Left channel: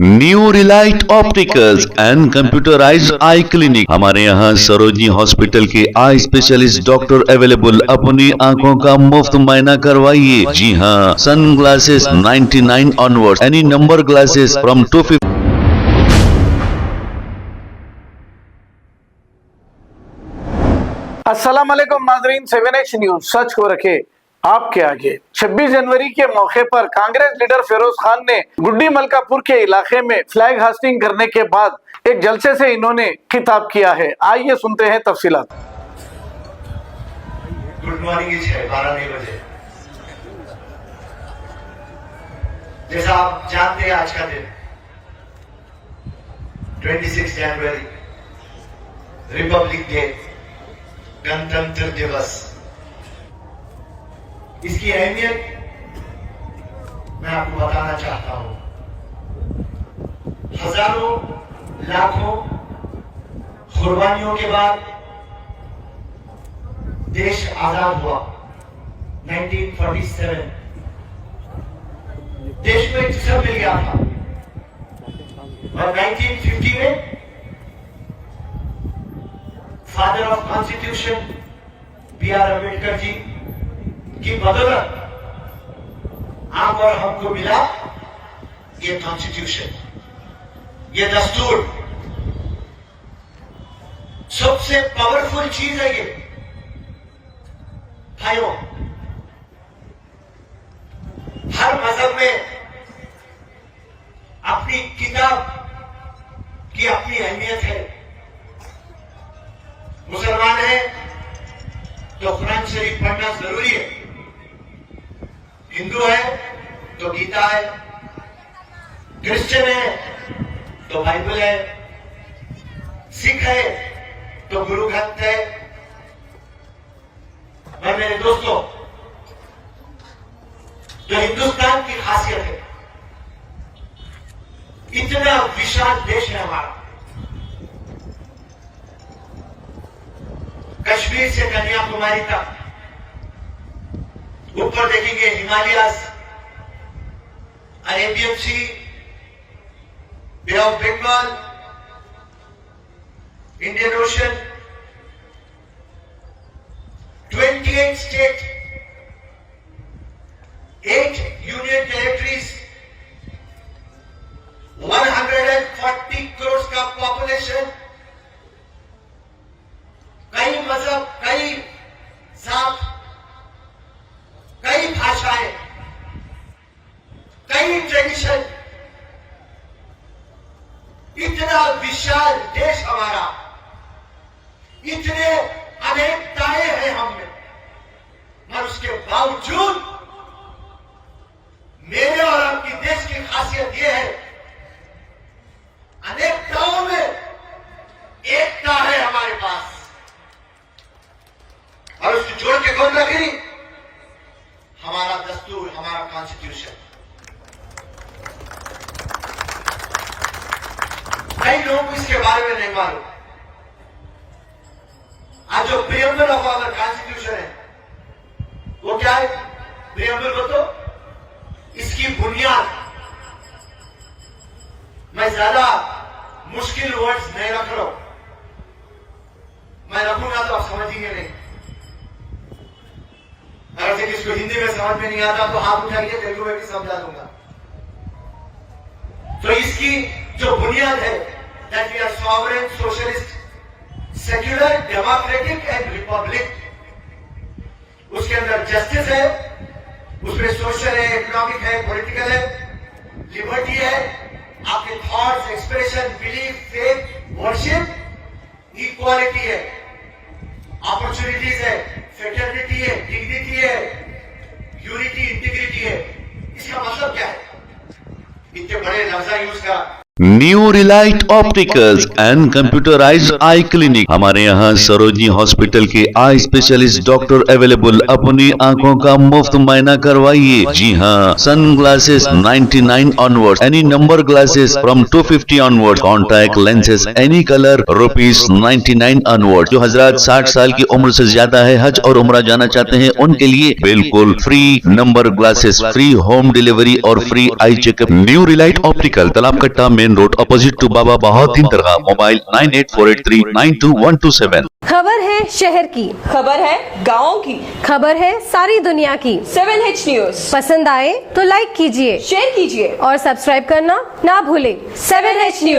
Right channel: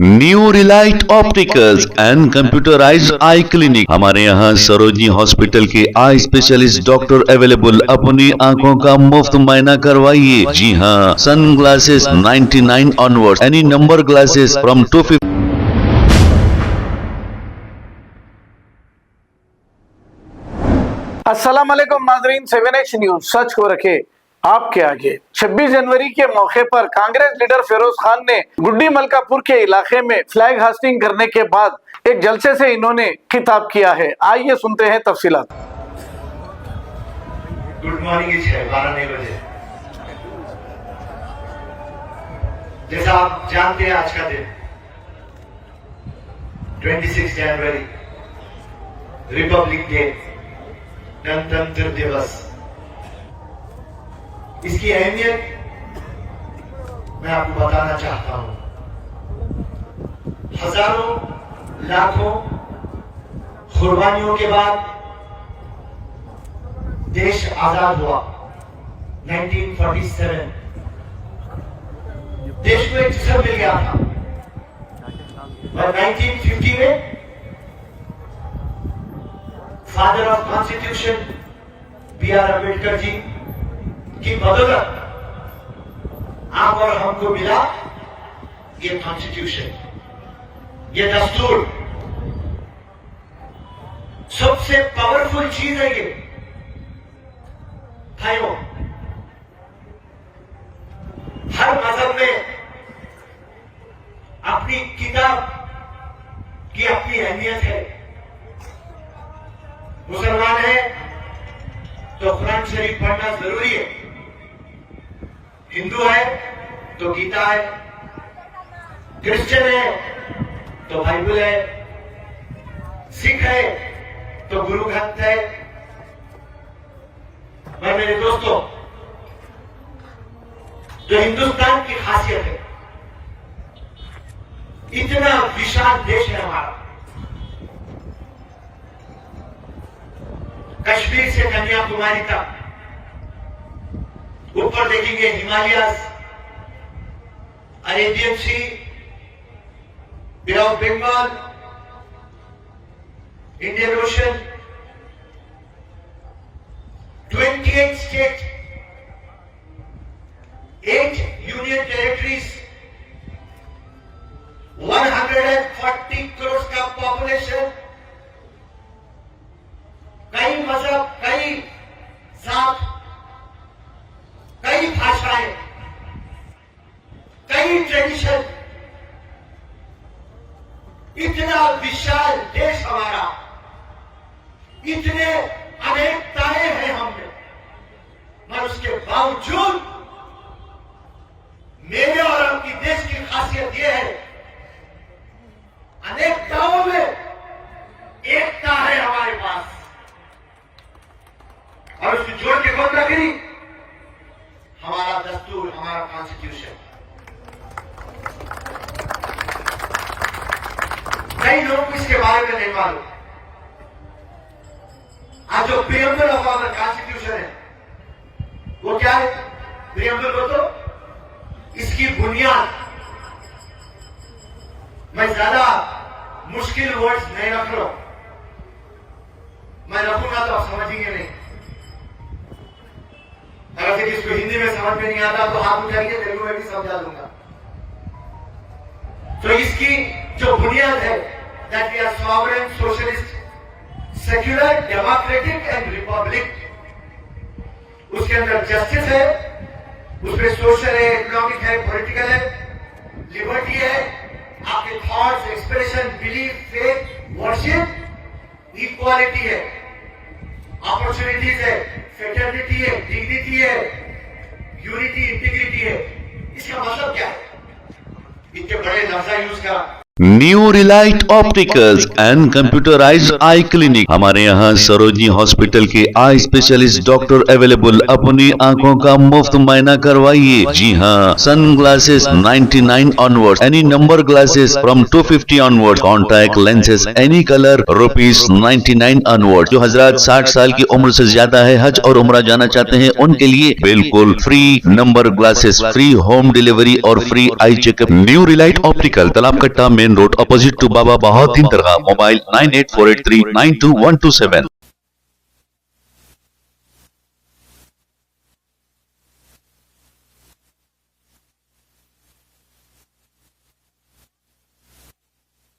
New Relight opticals and computerised I clinic. हमारे यहाँ Sarojini hospital के आई स्पेशलिस्ट डॉक्टर अवेलेबल। अपनी आंखों का मुफ्त मायना करवाइए। जी हाँ, sunglasses 99 onward, any number glasses from 250। अस्सलाम वालेकुम नाजरीन, 7H न्यूज सच को रखे आपके आगे। 26 जनवरी के मौके पर कांग्रेस लीडर फिरोज खान ने गुड्डी मलकापुर के इलाके में फ्लैग हास्टिंग करने के बाद एक जलसे से इन्होंने खिताब किया है। आइए सुनते हैं तफसीलात। गुड मॉर्निंग है 12 बजे। जैसा आप जानते हैं, आज का दिन 26 जनवरी रिपब्लिक डे, गणतंत्र दिवस। इसकी अहमियत मैं आपको बताना चाहता हूं। हजारों लाखों कुर्बानियों के बाद देश आजाद हुआ। 1947 देश को एक जिस्म मिल गया था। और 1950 में father of constitution B.R. Ambedkar ji की बदौलत आप और हमको मिला ये कॉन्स्टिट्यूशन, ये दस्तूर। सबसे पावरफुल चीज है ये भाइयों। हर मजहब में अपनी किताब की अपनी अहमियत है। मुसलमान है तो कुरान शरीफ पढ़ना जरूरी है। हिंदू है तो गीता है, क्रिश्चियन है तो बाइबल है, सिख है तो गुरु ग्रंथ है। और मेरे दोस्तों, जो हिंदुस्तान की खासियत है, इतना विशाल देश है हमारा। कश्मीर से कन्याकुमारी तक, ऊपर देखेंगे Himalayas, Arabian Sea, Bay of Bengal, Indian Ocean, 28 state, 8 union territories, 140 crore का पॉपुलेशन, कई मजहब, कई जात, कई भाषाएं, कई ट्रेडिशन, इतना विशाल देश हमारा, इतने अनेकताएं हैं हमने, मगर उसके बावजूद मेरे और आपकी देश की खासियत यह है, अनेकताओं में एकता है हमारे पास। और उसको जोड़ के कौन लगी? हमारा दस्तूर, हमारा कॉन्स्टिट्यूशन। कई लोग इसके बारे में नहीं मालूम। आज जो प्रियम्बल ऑफ आवर कॉन्स्टिट्यूशन है वो क्या है? प्रियम्बल को तो इसकी बुनियाद, मैं ज्यादा मुश्किल वर्ड्स नहीं रख रहा हूं, मैं रखूंगा तो आप समझेंगे नहीं। अगर जब इसको हिंदी में समझ में नहीं आता तो हाथ उठाइए, तेलुगु में भी समझा दूंगा। तो इसकी जो बुनियाद है, that we are sovereign, socialist, secular, democratic and republic. उसके अंदर जस्टिस है, उसमें सोशल है, इकोनॉमिक है, पॉलिटिकल है, लिबर्टी है, आपके thoughts, expression, belief, faith, worship, equality है, अपॉर्चुनिटीज है, फ्रेटर्निटी है, डिग्निटी है, यूनिटी, इंटीग्रिटी है। इसका मतलब क्या है? इतने बड़े लफ्ज़ यूज करा। New Relight opticals and computerised I clinic. हमारे यहाँ सरोजनी हॉस्पिटल के आई स्पेशलिस्ट डॉक्टर अवेलेबल। अपनी आंखों का मुफ्त मुआयना करवाइए। जी हाँ, sunglasses 99 onward, any number glasses from 250 onward, contact lenses any colour ₹99 onward. जो हजरात 60 साल की उम्र से ज्यादा है, हज और उम्रा जाना चाहते हैं, उनके लिए बिल्कुल free number glasses, free home delivery और free eye checkup. New relight optical, Talab Katta, main road, opposite to Baba Bahauddin दरगाह। मोबाइल 9848392127। खबर है शहर की, खबर है गाँव की, खबर है सारी दुनिया की। 7H न्यूज पसंद आए तो लाइक कीजिए, शेयर कीजिए और सब्सक्राइब करना ना भूलें। 7H news.